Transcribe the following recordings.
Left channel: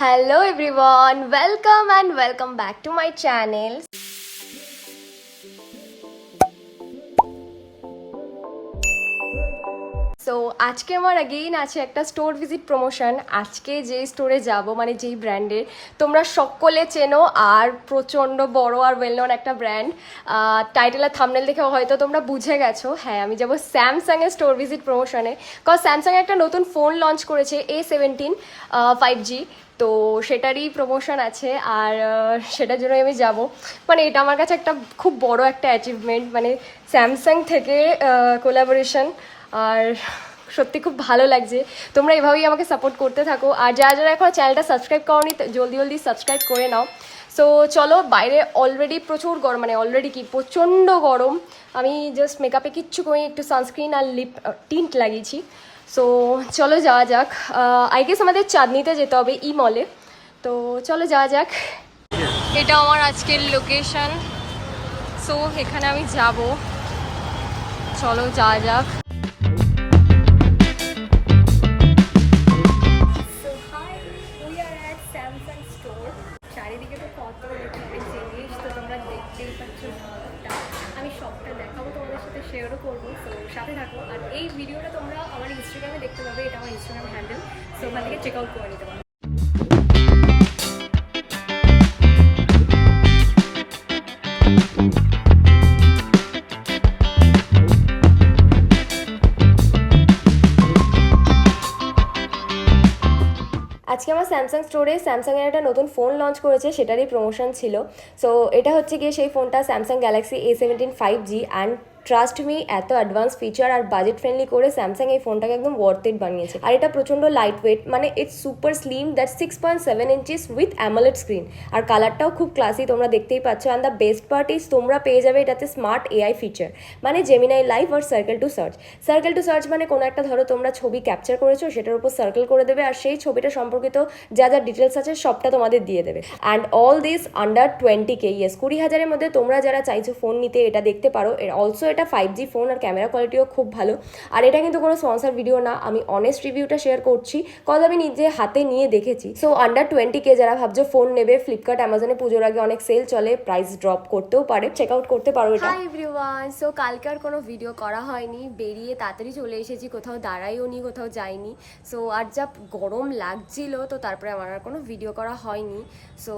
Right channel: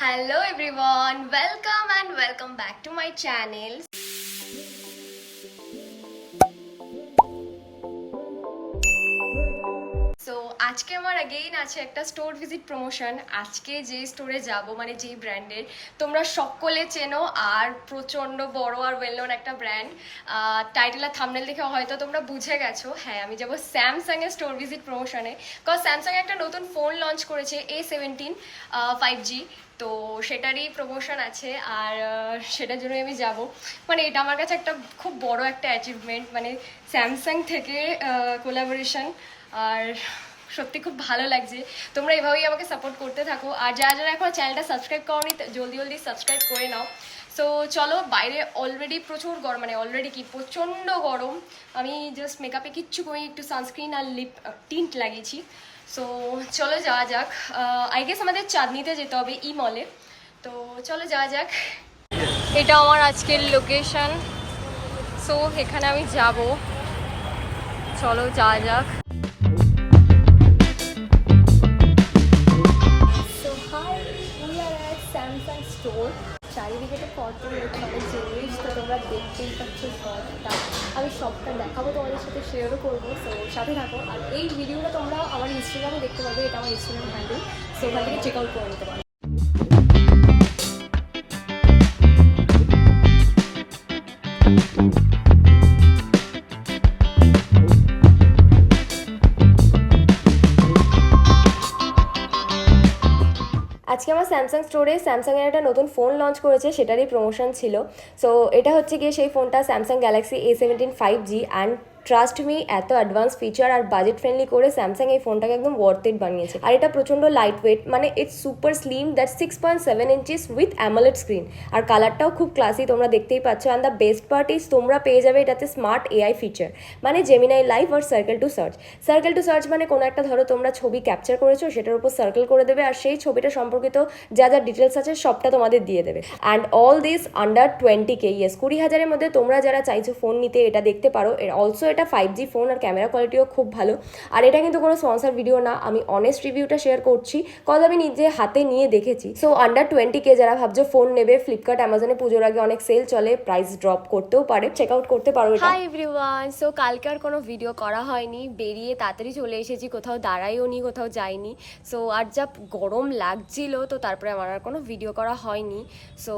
Hello everyone, welcome and welcome back to my channel. So আজকে আমার again আছে একটা স্টোর ভিজিট প্রমোশন। আজকে যে স্টোরে যাব মানে যেই ব্র্যান্ডের তোমরা সকলে চেনো আর প্রচণ্ড বড় আর ওয়েল নন একটা ব্র্যান্ড, টাইটেল আর থাম্বনেল দেখে হয়তো তোমরা বুঝে গেছো। হ্যাঁ, আমি যাবো স্যামসাংয়ের স্টোর ভিজিট প্রমোশনে, কজ স্যামসাং একটা নতুন ফোন লঞ্চ করেছে A17 5G। তো সেটারই প্রমোশন আছে আর সেটার জন্য আমি যাব। মানে এটা আমার কাছে একটা খুব বড় একটা অ্যাচিভমেন্ট, মানে স্যামসাং থেকে কোলাবোরেশন। আর সত্যি খুব ভালো লাগছে। তোমরা এভাবেই আমাকে সাপোর্ট করতে থাকো, আর যারা যারা এখন চ্যানেলটা সাবস্ক্রাইব করোনি জলদি জলদি সাবস্ক্রাইব করে নাও। সো চলো, বাইরে অলরেডি প্রচুর গরম, মানে অলরেডি কি প্রচণ্ড গরম। আমি জাস্ট মেকআপে কিচ্ছু করি, একটু সানস্ক্রিন আর লিপ টিন্ট লাগিয়েছি। সো চলো যাওয়া যাক। আই গেস আমাদের চাঁদনিতে যেতে হবে ই মলে। তো চলো যাওয়া যাক। এটা আমার আজকের লোকেশন। সো এখানে আমি যাব, চলো যাওয়া যাক। So hi, we are at Samsung store. চারিদিকে তো কত অনেক জিনিস, তো তোমরা দেখতেই পাচ্ছ সবটা। আমি সবটা দেখাবো, তোমাদের সাথে শেয়ারও করবো। সো সাথে থাকো। আর এই ভিডিওটা তোমরা আমার ইনস্টাগ্রামে দেখতে পাবে, এটা আমার ইনস্টাগ্রাম হ্যান্ডেল। সো ওখান থেকে চেক আউট করে নিতে পারো। আজকে আমার স্যামসাং স্টোরে স্যামসাংয়ের একটা নতুন ফোন লঞ্চ করেছে, সেটারই প্রমোশন ছিল। সো এটা হচ্ছে গিয়ে সেই ফোনটা, Samsung Galaxy A17 5G। And trust me, এত অ্যাডভান্স ফিচার আর বাজেট ফ্রেন্ডলি করে স্যামসাং এই ফোনটাকে একদম ওয়ার্থ ইট বানিয়েছে। আর এটা প্রচণ্ড লাইট ওয়েট, মানে it's super slim, that 6.7 inches with AMOLED screen. আর কালারটাও খুব ক্লাসি, তোমরা দেখতেই পাচ্ছ। And the best part is তোমরা পেয়ে যাবে এটাতে স্মার্ট AI ফিচার, মানে জেমিনাই লাইভ আর circle to search. Circle to search মানে কোনো একটা, ধরো তোমরা ছবি ক্যাপচার করেছো, সেটার উপর সার্কেল করে দেবে আর সেই ছবিটা সম্পর্কিত যা যা ডিটেলস আছে সবটা তোমাদের দিয়ে দেবে। And all this under 20K। Yes, 20,000-এর মধ্যে তোমরা যারা চাইছো ফোন নিতে এটা দেখতে পারো। অলসো এটা 5G ফোন আর ক্যামেরা কোয়ালিটিও খুব ভালো। আর এটা কিন্তু কোনো স্পন্সর ভিডিও না, আমি অনেস্ট রিভিউটা শেয়ার করছি, কজ আমি নিজে হাতে নিয়ে দেখেছি। সো আন্ডার 20K যারা ভাবছো ফোন নেবে, ফ্লিপকার্ট অ্যামাজনে পুজোর আগে অনেক সেল চলে, প্রাইস ড্রপ করতেও পারে, চেক আউট করতে পারো এটা। হাই এভরিওয়ান, সো কালকে আর কোনো ভিডিও করা হয়নি, বেরিয়ে তাড়াতাড়ি চলে এসেছি, কোথাও দাঁড়াইও নি, কোথাও যাইনি। সো আর যা গরম লাগছিল, তো তারপরে আমার আর কোনো ভিডিও করা হয়নি। সো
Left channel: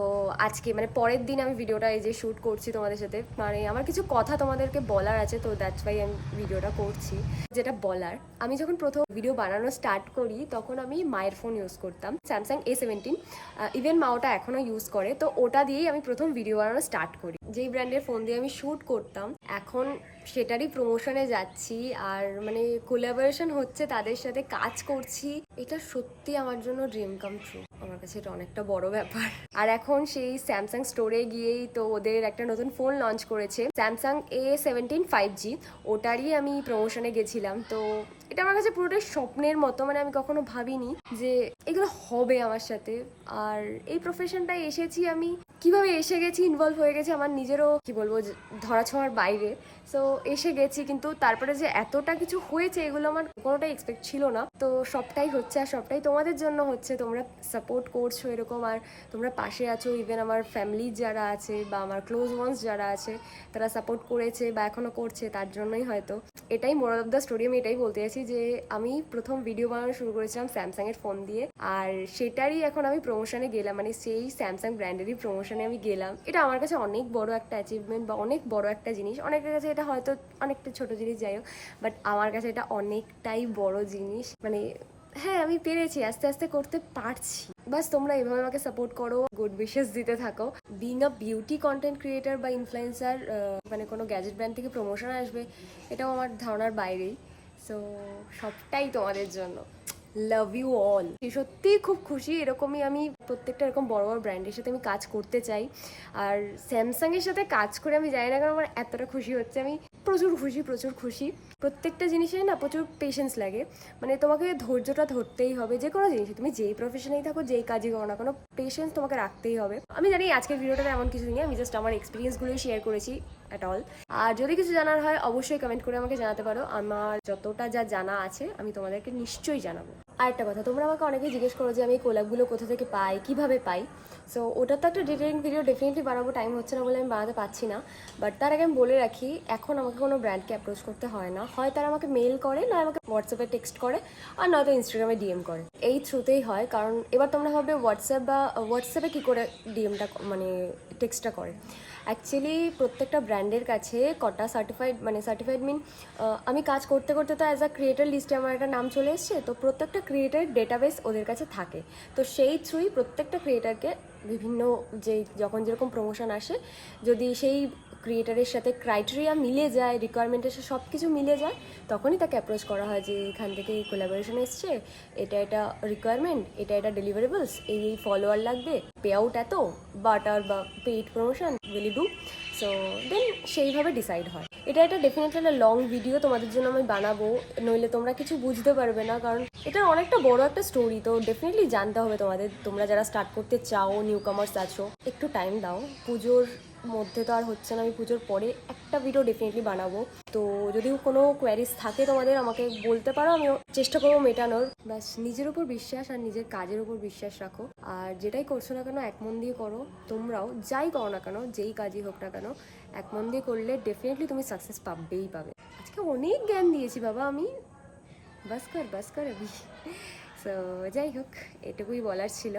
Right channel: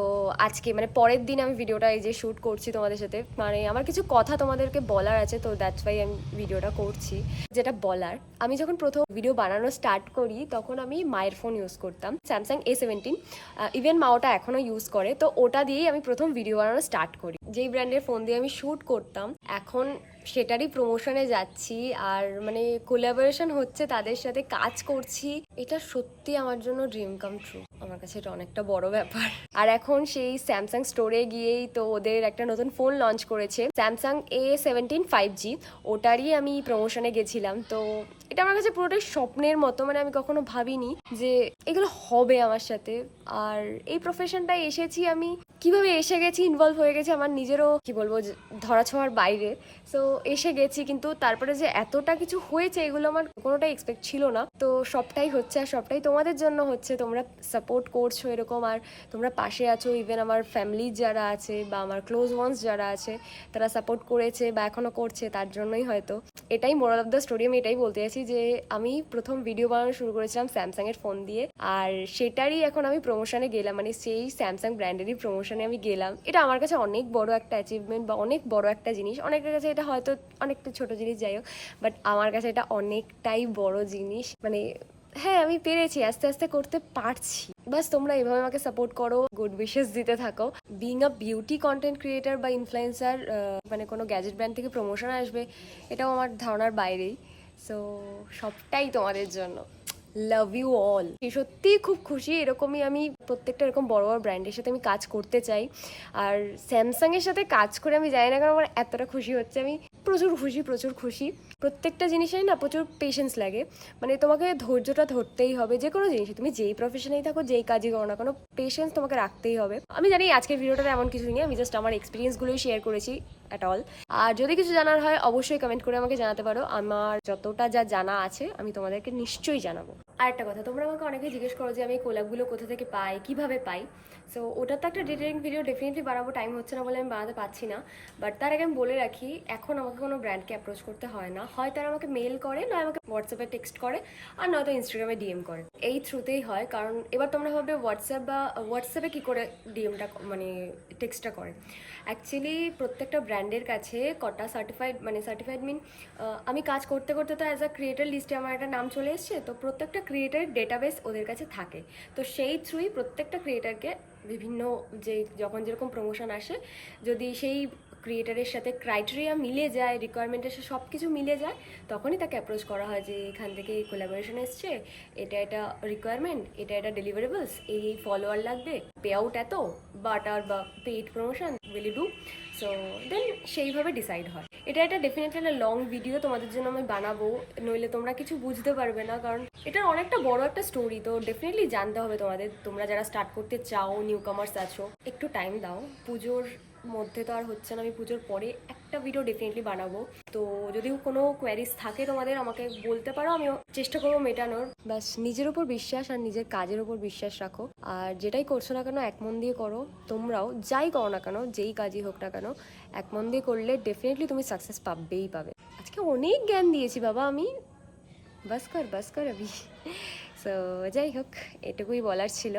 আজকে মানে পরের দিন আমি ভিডিওটা এই যে শ্যুট করছি তোমাদের সাথে, মানে আমার কিছু কথা তোমাদেরকে বলার আছে, তো দ্যাটস ওয়াই আমি ভিডিওটা করছি। যেটা বলার, আমি যখন প্রথম ভিডিও বানানো স্টার্ট করি তখন আমি মায়ের ফোন ইউজ করতাম, স্যামসাং A17। ইভেন মা ওটা এখনও ইউজ করে, তো ওটা দিয়েই আমি প্রথম ভিডিও বানানো স্টার্ট করি। যেই ব্র্যান্ডের ফোন দিয়ে আমি শ্যুট করতাম, এখন সেটারই প্রমোশনে যাচ্ছি আর মানে কোলাবোরেশন হচ্ছে, তাদের সাথে কাজ করছি। এটা সত্যি আমার জন্য ড্রিম কাম ট্রু, আমার কাছে এটা অনেকটা বড় ব্যাপার। আর এখন সেই স্যামসাং স্টোরে গিয়েই তো ওদের একটা নতুন ফোন লঞ্চ করেছে, স্যামসাং A17 5G। ওটারই আমি প্রমোশনে গেছিলাম। তো এটা আমার কাছে পুরোটাই স্বপ্নের মতো, মানে আমি কখনো ভাবিনি যে এগুলো হবে আমার সাথে। আর এই প্রফেশনটায় এসেছি আমি, কিভাবে এসে গেছি, ইনভলভ হয়ে গেছি, আমার নিজেরও কি বলবো ধরা ছোঁয়ার বাইরে। সো এসে গেছি, কিন্তু তারপরে যে এতটা কিছু হয়েছে এগুলো আমার কোনোটাই এক্সপেক্ট ছিল না। তো সবটাই হচ্ছে আর সবটাই তোমাদের জন্য হচ্ছে, তোমরা সাপোর্ট করছো এরকম, আর তোমরা পাশে আছো। ইভেন আমার ফ্যামিলির যারা আছে বা আমার ক্লোজ ওয়ান্স যারা আছে, তারা সাপোর্ট করেছে বা এখনও করছে, তার জন্যই হয়তো। এটাই মোরাল অফ দ্য স্টোরি, আমি এটাই বলতে চাইছি যে আমি প্রথম ভিডিও বানানো শুরু করেছিলাম স্যামসাংয়ের ফোন দিয়ে, আর সেটারই এখন আমি প্রমোশনে গেলাম, মানে সেই স্যামসাং ব্র্যান্ডেরই প্রমোশনে আমি গেলাম। এটা আমার কাছে অনেক বড় একটা অ্যাচিভমেন্ট বা অনেক বড় একটা জিনিস। অনেকের কাছে এটা হয়তো অনেকটা ছোট জিনিস, যাই হোক, বাট আমার কাছে এটা অনেকটাই বড় জিনিস। মানে হ্যাঁ, আমি পেরেছি, আস্তে আস্তে করতে পারছি। বাস তোমরা এভাবে আমাকে সাপোর্ট করো, গুড উইশেস দিতে থাকো। Being a beauty content creator বা ইনফ্লুয়েন্সার, মানে কোনো গ্যাজেট ব্র্যান্ড থেকে প্রমোশন আসবে, এটাও আমার ধারণার বাইরেই। সো সবটাই তোমাদের জন্য, লাভ ইউ অল। সত্যিই খুব খুশি, এরকমই আমি প্রত্যেকটা এরকম বড় বড় ব্র্যান্ডের সাথে আমি কাজ করতে চাই। আর স্যামসাংয়ের সাথে কাজ করে আমি জানি না কেন আমার এতটা খুশি হচ্ছে, আমি প্রচুর খুশি, প্রচুর খুশি। প্রত্যেকটা জিনিসেই না প্রচুর পেশেন্স লাগে, মানে তোমাকে ধৈর্যটা ধরতেই হবে। যে কোনো জিনিসে তুমি যেই প্রফেশনেই থাকো, যেই কাজই করো না কোনো, পেশেন্স তোমাকে রাখতেই হবে। আমি জানি আজকের ভিডিওটাতে এমন কিছুই নেই, আমি জাস্ট আমার এক্সপিরিয়েন্সগুলোই শেয়ার করেছি অ্যাট অল। আর যদি কিছু জানার হয় অবশ্যই কমেন্ট করে আমাকে জানাতে পারো, আমার যতটা যা জানা আছে আমি তোমাদেরকে নিশ্চয়ই জানাবো। আর একটা কথা, তোমরা আমাকে অনেকে জিজ্ঞেস করো যে আমি কোলাবগুলো কোথা থেকে পাই, কিভাবে পাই। সো ওটা তো একটা ডিটেলিং ভিডিও ডেফিনেটলি বানাবো, টাইম হচ্ছে না বলে আমি বানাতে পারছি না। বাট তার আগে আমি বলে রাখি, এখন আমাকে কোনো ব্র্যান্ডকে অ্যাপ্রোচ করতে হয় না, হয় তারা আমাকে মেল করে, নয় আমাকে হোয়াটসঅ্যাপে টেক্সট করে, আর নয়তো ইনস্টাগ্রামে ডিএম করে। এই থ্রুতেই হয়। কারণ এবার তোমরা ভাববে হোয়াটসঅ্যাপে কী করে ডিএমটা মানে টেক্সটটা করে। অ্যাকচুয়ালি প্রত্যেকটা ব্র্যান্ডের কাছে কটা সার্টিফাইড মিন আমি কাজ করতে করতে তো অ্যাজ আ ক্রিয়েটার লিস্টে আমার একটা নাম চলে এসছে, তো প্রত্যেকটা ক্রিয়েটারের ডেটাবেস ওদের কাছে থাকে। তো সেই থ্রুই প্রত্যেকটা ক্রিয়েটারকে বিভিন্ন যে যখন যেরকম প্রমোশন আসে, যদি সেই ক্রিয়েটারের সাথে ক্রাইটেরিয়া মিলে যায়, রিকোয়ারমেন্টের সাথে সব কিছু মিলে যায়, তখনই তাকে অ্যাপ্রোচ করা হয় যে এখান থেকে এই কোলাবোরেশন এসছে, এটা রিকোয়ারমেন্ট, এটা ডেলিভারেবলস, এই ফলোয়ার লাগবে, পে আউট এত, বাটার বা paid promotion will do. So then সেইভাবে ডিসাইড হয়। এটা একটা ডেফিনেটলি একটা লং ভিডিও তোমাদের জন্য আমি বানাবো, নইলে তোমরা কিছু বুঝতে পারবে না, কারণ এটা অনেকটা বড় একটা স্টোরি। তো ডেফিনেটলি জানতে হবে তোমাদের, তোমরা যারা স্টার্ট করতে চাও, নিউ কামার্স আছো, একটু টাইম দাও। পুজোর মধ্যে তো আর হচ্ছে না, আমি পুজোর পরে একটা ভিডিও ডেফিনেটলি বানাবো। তো যদি কোনো কোয়ারিজ থাকে তোমাদের আমাকে বলতে পারো, আমিও চেষ্টা করবো মেটানোর। ব্যাস নিজের উপর বিশ্বাস আর নিজের কাজের উপর বিশ্বাস রাখো, আর যেটাই করছো না কেন এক মন দিয়ে করো। তোমরাও যাই করো না কেন, যেই কাজই হোক না কেন, এক মন দিয়ে করলে ডেফিনেটলি তুমি সাকসেস পাবেই পাবে। আজকে অনেক জ্ঞান দিয়েছি বাবা আমি, বাস কর আবি। সো যাই হোক, এটুকুই বলার ছিল।